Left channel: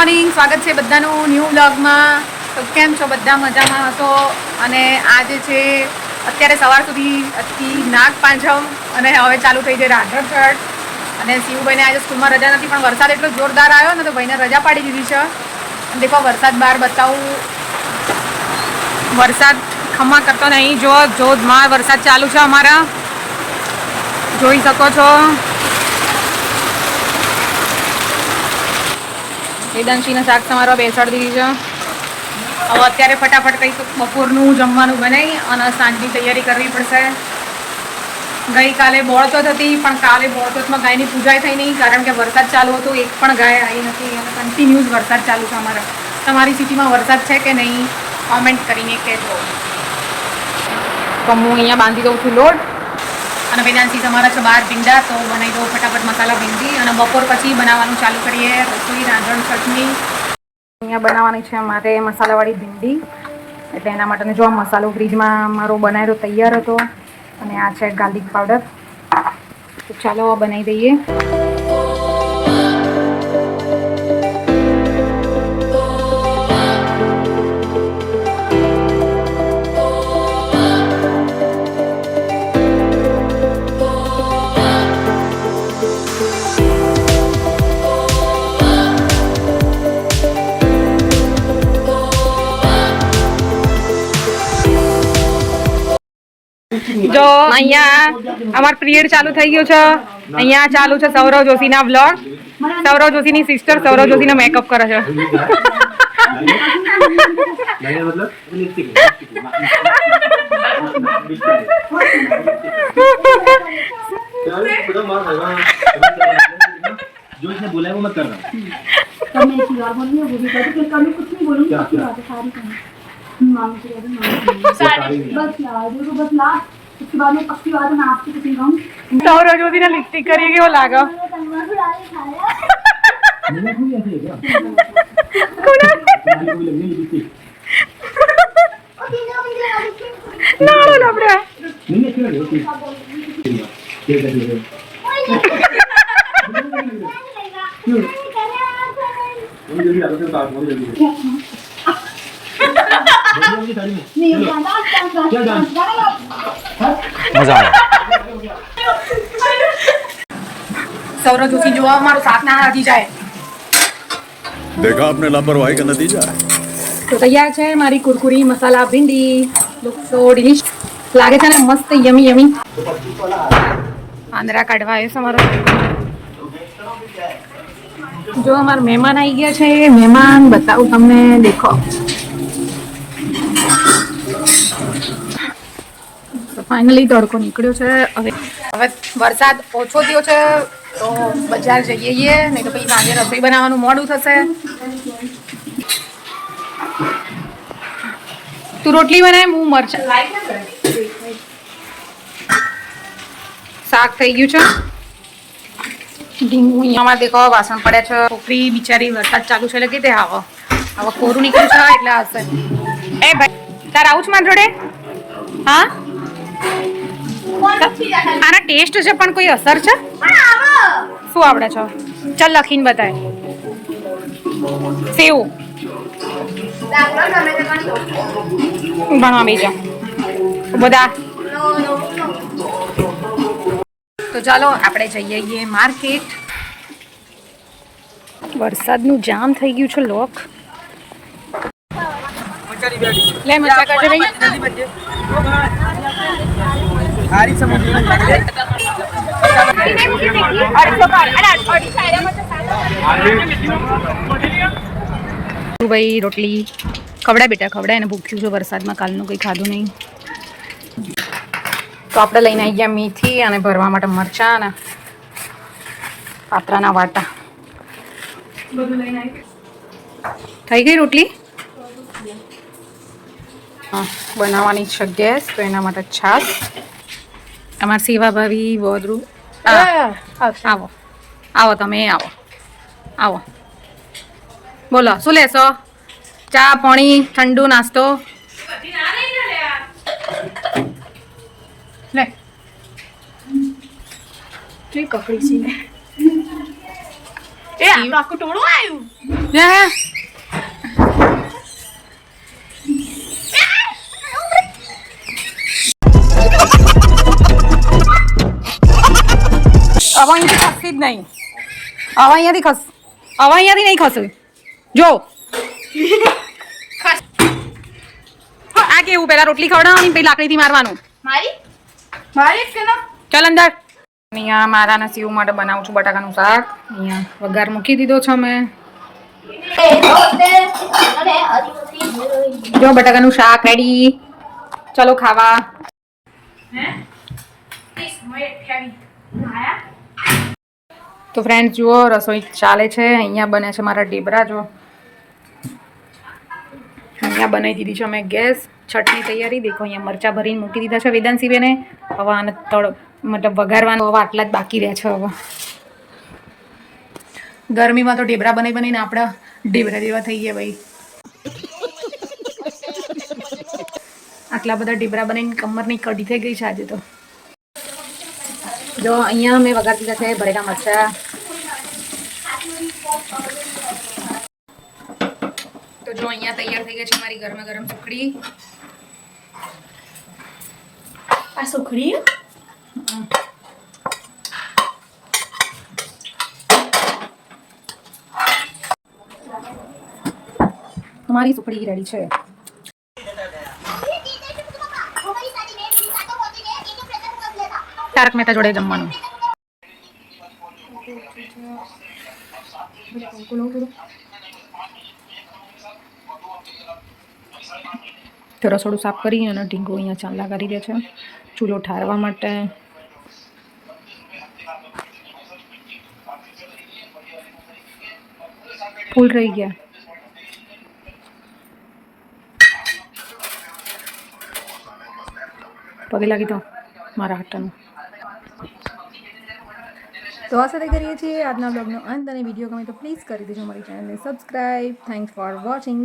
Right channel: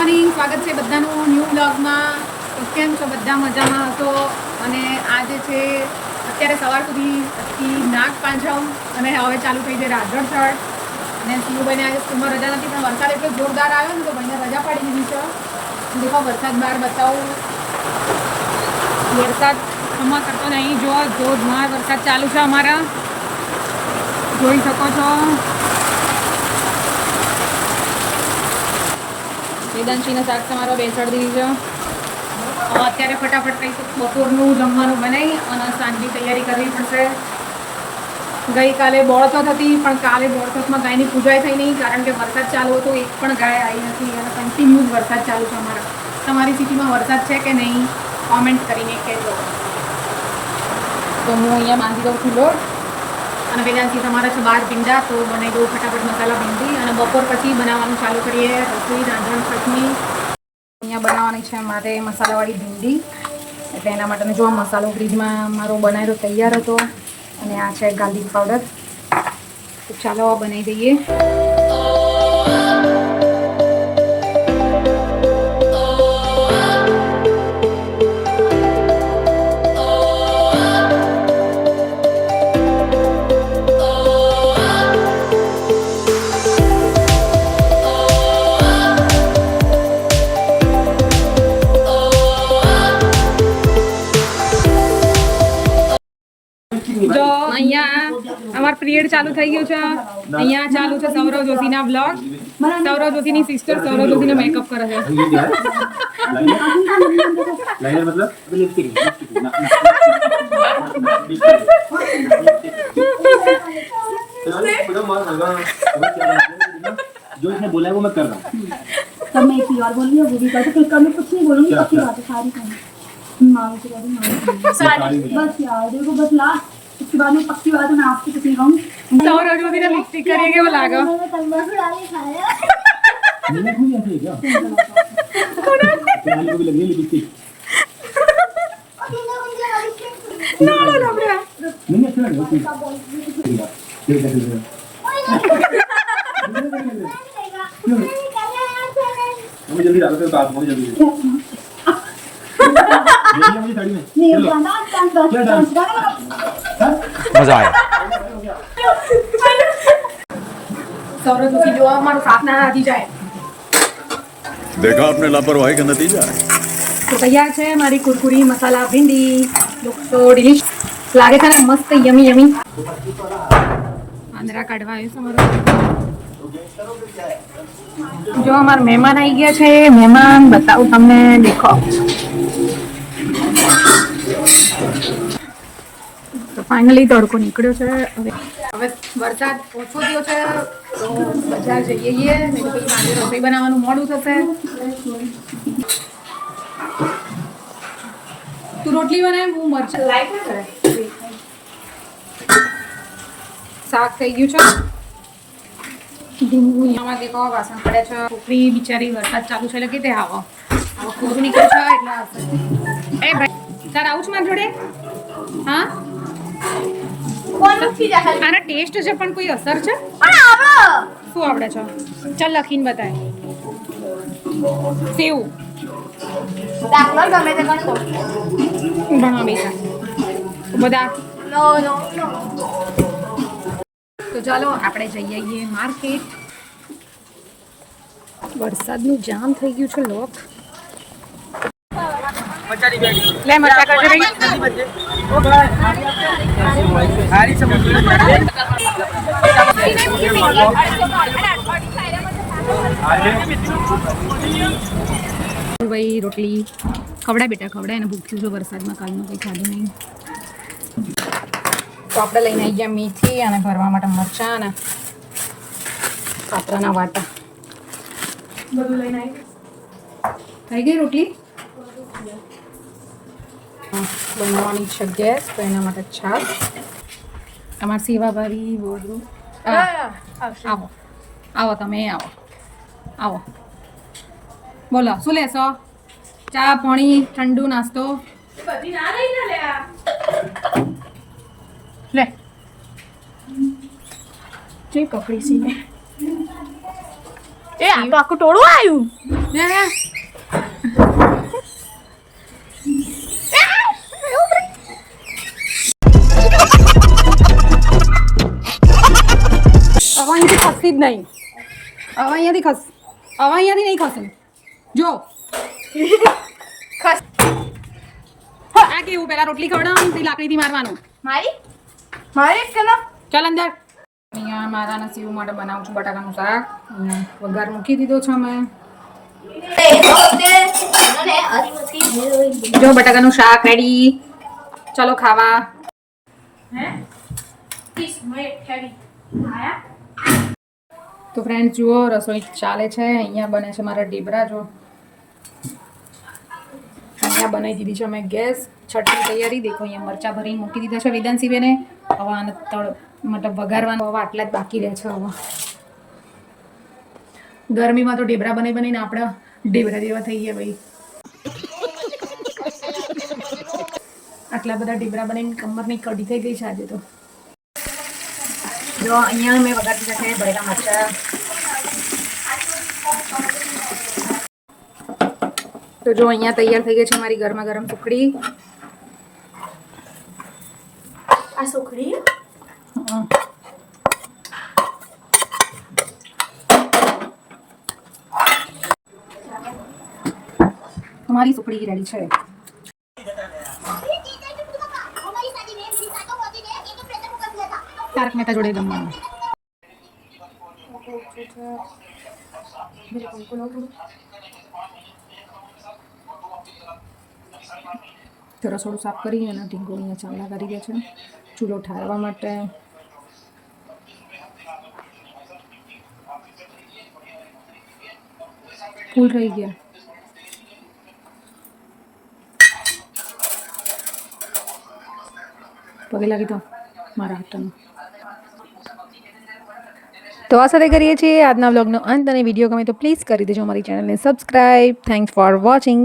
Morning. સ્વાગત છે બધાનું ન્યૂ વ્લોગમાં. તો કેમ છો? બધા મજામાં હશો? અને આજે છે, અત્યારે સવાર સુધી હતી નાગ પાંચમ અને હવે ચાલુ થઈ જાય રાધણ છઠ. અને શિવભાઈને આજે સ્કૂલમાં રજા નથી, પણ વરસાદ એટલો જોરદાર આવ્યો ને, તો ભાઈને રજા પાડી દીધી છે. દેખો, વરસાદ બહાર બતાવું. વરસાદ ખમા કરતો નહીં. જો જોધમાર વરસાદ ચાલુ છે અમારા. જોઈ શકો છો. વેદાંશીને શાક તમારો બેસાડી દીધી છે. હવે અત્યારે ફટાફટ કંઈક બપોરનું જમવાનું બનાવી અને સાંજની તૈયારી કરવી પડશે. ગઈકાલે બોળચોથ હતી, પણ કાલે બોળચોથમાં ગાયની પૂજાય થઈ નહીં, કારણ કે વરસાદ ચાલુ હતો, એક પણ ગાય આવી નથી અને કન્ટિન્યુઝ વરસાદ ચાલુ છે અમારા. તમારી સિટીમાં વરસાદ છે કે નહીં? કોમેન્ટ કરીને કહેજો. તો હું અહીંયા બાંધી દઉં છું લોટ. અને વેદાંશી તમારા છે બાર ભીંડા, તો બનાવી દઉં ફટાફટ મસાલા ભીંડી અને બપોર પછી બનાવવાનું ચાલુ કરીએ. રસોઈ, રાંધણ, ચટણી. અહીંયા બનાવવાની છે મારે મસાલાવાળી ભીંડી. એટલે એના માટેનો જો મસાલો ફ્રીજમાં મારો બનાવેલો તૈયાર હતો. અને આ છે ગાર્લિક પાવડર. તો ચાલો આ બનાવી દઈએ. જો અહીંયા અમાર પિરિયડ ચાલુ થઈ ગયું છે અહીંયા ચાલુ છે સૌરવ જોશીના બ્લોગ સૌરવ જોશીની સિસ્ટર સૌરવ જોશીનો મેકઅપ કરે છે लाइनर मतलब लिपस्टिक जो इसने बोला है वो मैं कर रहा हूँ तब मैं एक चीज और बोल रही हूँ वो भी कहती फिर कल मैं कुछ नहीं बोलूंगी क्या, पक्की क्या? बात है सारी कहूँ मांग से कहते मांग सारी नहीं। बस यार देखो बस लास्ट उसके बाद में पक्की बात मैं आपसे किसी कहूँ सौरव जो दिन लिपस्टिक करेंगे वो लागा ना ना ना ब्रा। नहीं अच्छा लगे ओके ठीक है ठीक है हम जल्दी डालते हैं बात हम जल्दी नहीं डांस डांस डांस મજા આવે. નથી જાય. દેખા આપને લાપરવાહી કે નતીજા તો તૈયાર છે મારી કુરકુરી મસાલા ભીંડી સો ડિલિશ લાગે છે ને મસ્ત યમી યમી. આંદરા કાઢવા એ છે મારો જો અમારા મહેમાન આવી ગયા છે. મહેમાન બતાવું તમને દેખો. ફાઇનલી તડકો નીકળ્યો છે. હવે હવે વરસાદ ઓછો થયો છે, તો બજાર જઈએ નહીં તો પછી સાંજે રસોઈ બનાવવાનું મોડું થશે. તું રોટલી બનાય હું મરચા શાક થઈ ગયું છે. ઢીંગું અહીંયામાં દેખો વાસણ પડ્યા છે. છોકરી બિચારી વરસાદ ચાલુ છે, એટલે કે તે આવો? હવે કોરું નીકળ્યું છે, એટલે હશે એ ભાઈ, તાર આવું છું મારી જોડે? હા? આના ટેસ્ટ છે, પણ કોઈ અસર છે? શું આવડે છો? ચાલ લખીને બતાય. સેવ. ભણવા બીજા બધા. તો ચાલો, આપણે જઈએ માર્કેટ. વરસાદનું જામ થઈ ગયું છે, લોક. લે મરચા કરજો ભાઈ. ભાઈ રોટલી ખવડા બેટા ખવડા એને ભૂખ્યું છે વરસાદમાં કાલનું કંઈ ખાધું નહીં. તો આપણે લઈને આવી ગયા મેથી અને ભરવા માટે મરચાં અને પાત્રાના વાટા. થઈ ગઈ રોટલી? બનાવવાની છે ગેસ તો એના માટે છાશ. તમારા સેવા ભાવી બોદરું આવો. આવો તમે આવો. આવો. બોલો શું લેશો? ચા પાણી ઠંડુ નાસ્તો? લે. જોઈ કકડી સી એ આખું ટોળું આવ્યું. હવે અહીંયાથી ખસી જ નહીં. હવે અહીંયાથી ખસ હવે અહીંયાથી નહીં ખસે. જો. ખસ આ કેવું? પેલા રોટલી ખવડાવવાની પછી લાકડીથી મારવાનું. મારી? મારી ચાલ અંદર. અહીંયા મારા નસીબ માટે બનાવું છું બટાકાનું શાક. અહીંયા વઘાર મૂકી દીધો છે મેં જો બટાકાનું શાક રેડી ચલો ખાવા. તો ફ્રેન્ડ જુઓ, રસોઈ ચાલે છે. અહીંયા બને છે મારા ઢેબરા, જો. અહીંયા બનાવી દીધી છે અમે ગેસ. છઠની તૈયારી. દેખો, અહીંયા મરચા ભરીને મૂકી દીધા છે વેદાંશી બેને હવે આને તળ મતલબ વઘારવાનું હવે આટલા જ બાકી રહ્યા છે હવે. ગરમીમાં તો ઢેબરા બનાવી બનાવીને આપણે ઢેબરા જેવા થઈ ગયા ભાઈ. આટલા બધા ઢીબરા બનાવીને કમરની કઢી થઈ ગઈ છે આજે તો. જો અહીંયા મેં વઘાર દીધા છે ભરેલા મરચા. તો જો અહીંયા તૈયાર થઈ ગઈ છે મારી ગરમા ગરમ સુખડી. આ સુખડી? મારી સુખડી રેડી છે. તારક મહેતા જોડે જમવાનું. તો રસોડું સાફ કરી અને ઢીંગો અહીંયા ચાંદલા કરી દે છે. ચૂલો ઠારવા માટે. ફૂલ રહી ગયા. પગે લાગી તો મારા હાટાનું તો આ સાથે કરીએ છીએ આજના બ્લોગનો અંત અને વીડિયો ગમે તો પ્લીઝ કરી દેજો અમારી ચેનલને સબસ્ક્રાઈબ થેન્ક્સ ફોર વોચિંગ